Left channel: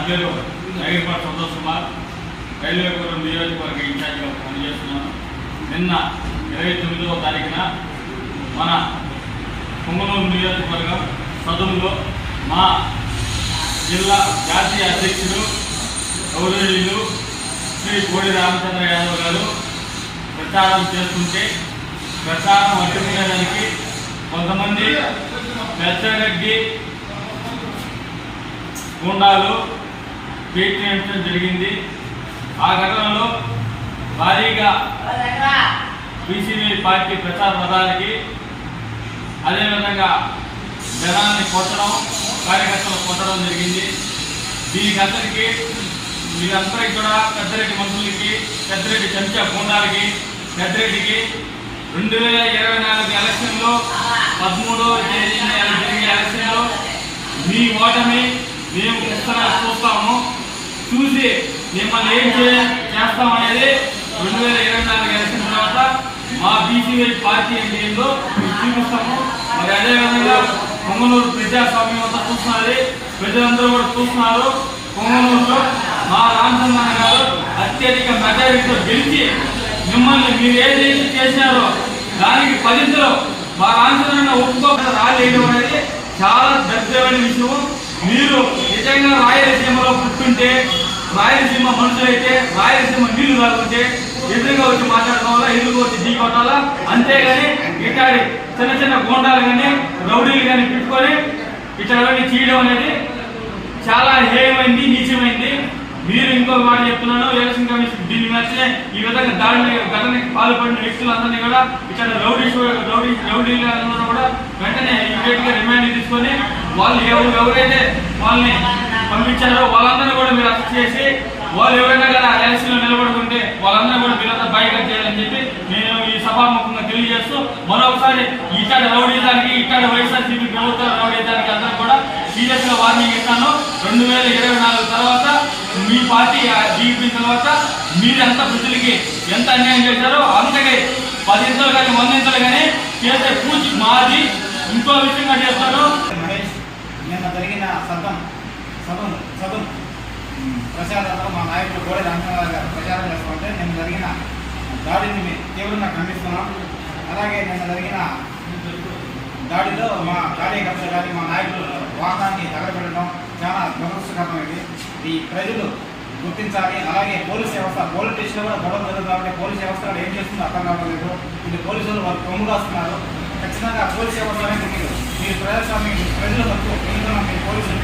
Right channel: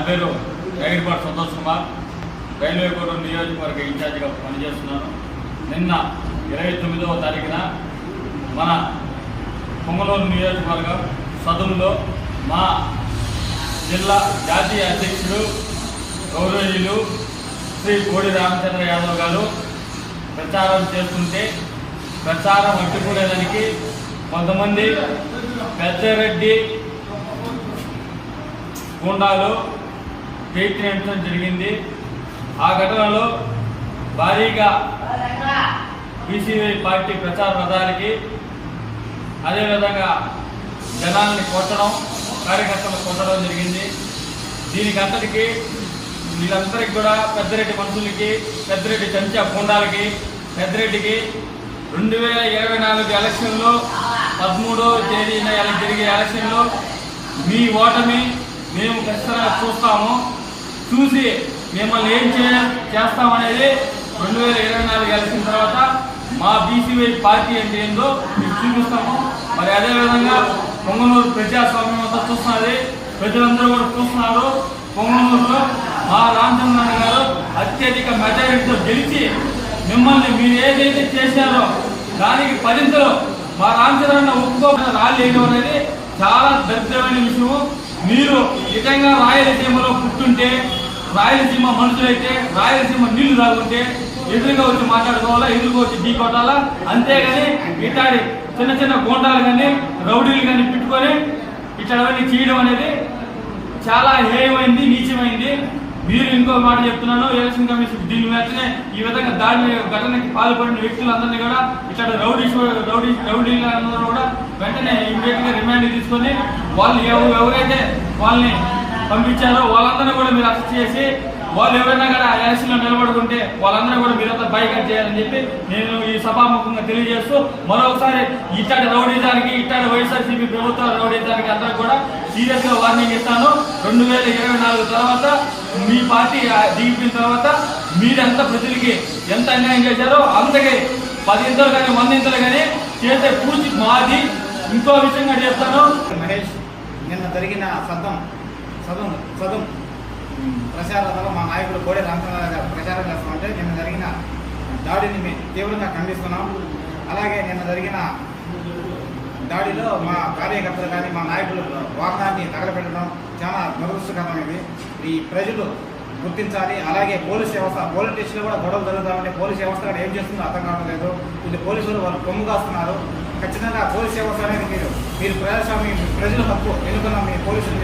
పేరు జగన్పాటి సంతోష్ కుమార్ రైల్వేపురం నియోజకవర్గ ఇన్ఛార్జిగా పనిచేస్తున్నాను. నిన్న ఇరవై తొమ్మిదవ తారీఖున మన పొంగనూరు నియోజకవర్గం సదనంలో మా జిల్లా జాతీయ అధ్యక్షుడు గౌరవీయులు శ్రీ కోడి రామచంద్ర యాదవ్ గారు ప్రచారం చేస్తుంటే ప్రచారం అడ్డుకునేదానికి కొంతమంది పెద్దరెడ్డి గుండాలు చేయటం జరిగింది. ఆ ఘటనలో భారీగా బీసీవీ పార్టీ ప్రచార రథాలకి అదేవిధంగా జనాన్ని కొట్టడం కార్యకర్తలు కొట్టడం జరిగింది. దీనికి అందరికీ వీళ్ళందరికీ కూడా పెద్దరెడ్డి మనుషులకి పెద్దరెడ్డి చెంచా గుండాలకి పెద్దరెడ్డికి రెండు వేల ఇరవై నాలుగు ఎలక్షన్లో పదమూడవ తేదీన జరిగే ఎలక్షన్లో మీ ఓటమి మేము ఖచ్చితంగా చూస్తాము. చూసి మిమ్మల్ని ఏం చేయ చేస్తామనేది రెండు వేల ఇరవై నాలుగు ఎలక్షన్ తర్వాత మా బీసీవై పార్టీ ఏంటి ఏందో మీకు చూపిస్తాము. మరి అదేవిధంగా పొంగనూరు ప్రజాస్వామ్యం అంతా చూస్తున్నది. ప్రజలందరూ కూడా చూస్తున్నారు. పొంగనూరులో మా రామచంద్రన్న గారు అత్యధిక మెజారిటీతో గెలిచి మిమ్మల్ని మీరు ఏదైతే చేశారో దానికి పదింతలో మా రామచంద్రన్న ఒప్పుకోక రాలేదు అనేది చాలా దరిద్రమైన విషయం. మీరు నిజంగా రాయలసీమలో పుట్టుంటే రాయలసీమ మనుషులైతే రాయలసీమ నీళ్ళు తాగుంటే ఎదురుగా వచ్చి మాట్లాడుకోవాలా ఎదురుగా వచ్చి ఢీ కొట్టాలా అంతేగాని ఇతడి చిన్న చిన్న గోండాలు కానీ రౌడీలు కానీ పెట్టుకొని ఇట్లాంటివన్నీ చేయడం అనేది చాలా హేయమైంది నీచమైంది. మీరు ఇంకో మాట చెప్తున్నాను ఎలక్షన్ కమిషన్ దీని వెంటనే ఈ విధంగా దాడి ఘటనకి పాల్పడిన వ్యక్తులందరినీ కూడా ఇక్కడ రౌడీ రౌడీ రౌడీ రౌడీలందరూ కూడా వెంటనే ఇమీడియట్గా రిమాండ్ తీసుకొని వాళ్ళు ఎవరు ఎవరైతే వాళ్ళని పంపించారో వాళ్ళందరినీ కూడా మీరు అరెస్ట్ చేసి వాళ్ళు ఎవరైనా కదా ఎలక్షన్లో నిలబడుకుంటే వాళ్ళందరూ కూడా మీరంతా బైకట్ చేయాలని చెప్పి నేను ఈ సభాముఖంగా తెలియజేస్తూ మరొకసారి ఇట్లాంటి రౌడీదానికి ఇట్లాంటి వైఎస్ఆర్సీపీ ప్రభుత్వ రౌడీదానికి అందరూ కూడా సీరియస్గా వార్నింగ్ ఇస్తాను. రెండు వేల ఇరవై నాలుగు తర్వాత మీ పార్టీ దిగిపోయిన తర్వాత మీరెంత ప్రజలకి ఎంత అన్యాయం చేశారో అంతకే పదింతలు కానీ వందింతలు కానీ చేసే పూచి మాది. ఇంకో విషయంగా చేస్తాను మహేష్ నిన్న జరిగిన సదం సదం సదం ప్రచారంలో మా నాయకుడు గోడే రామచంద్రరావు గారు ప్రచారం చేస్తామంటే నిన్న జరిగిన దాడిని మేము తీవ్రంగా ఖండిస్తున్నాం. అలాగే నిన్న జరిగిన దాడిలో మా కార్యకర్తలు కానీ మా నాయకులు వాహనాన్ని తగలబెట్టడం చాలా దురదృష్టకరమైనది. ఈ ప్రజలు గుర్తించాలి. అలాగే పోలీస్ వ్యవస్థ పోలీస్ స్టేషన్లో కూడా గొడవ జరుగుతామంటే పోలీస్ వ్యవస్థ ఏం చేస్తుందో అర్థం కావట్లేదు. ఇది పోలీసులు వాళ్ళు కొమ్ము కాస్తున్నారు. ఖచ్చితంగా పోలీస్ సేవ అనేది మీరు ప్రజాస్వామ్యం ప్రజల హక్కు ఎందుకన్నా మీ పోలీసులు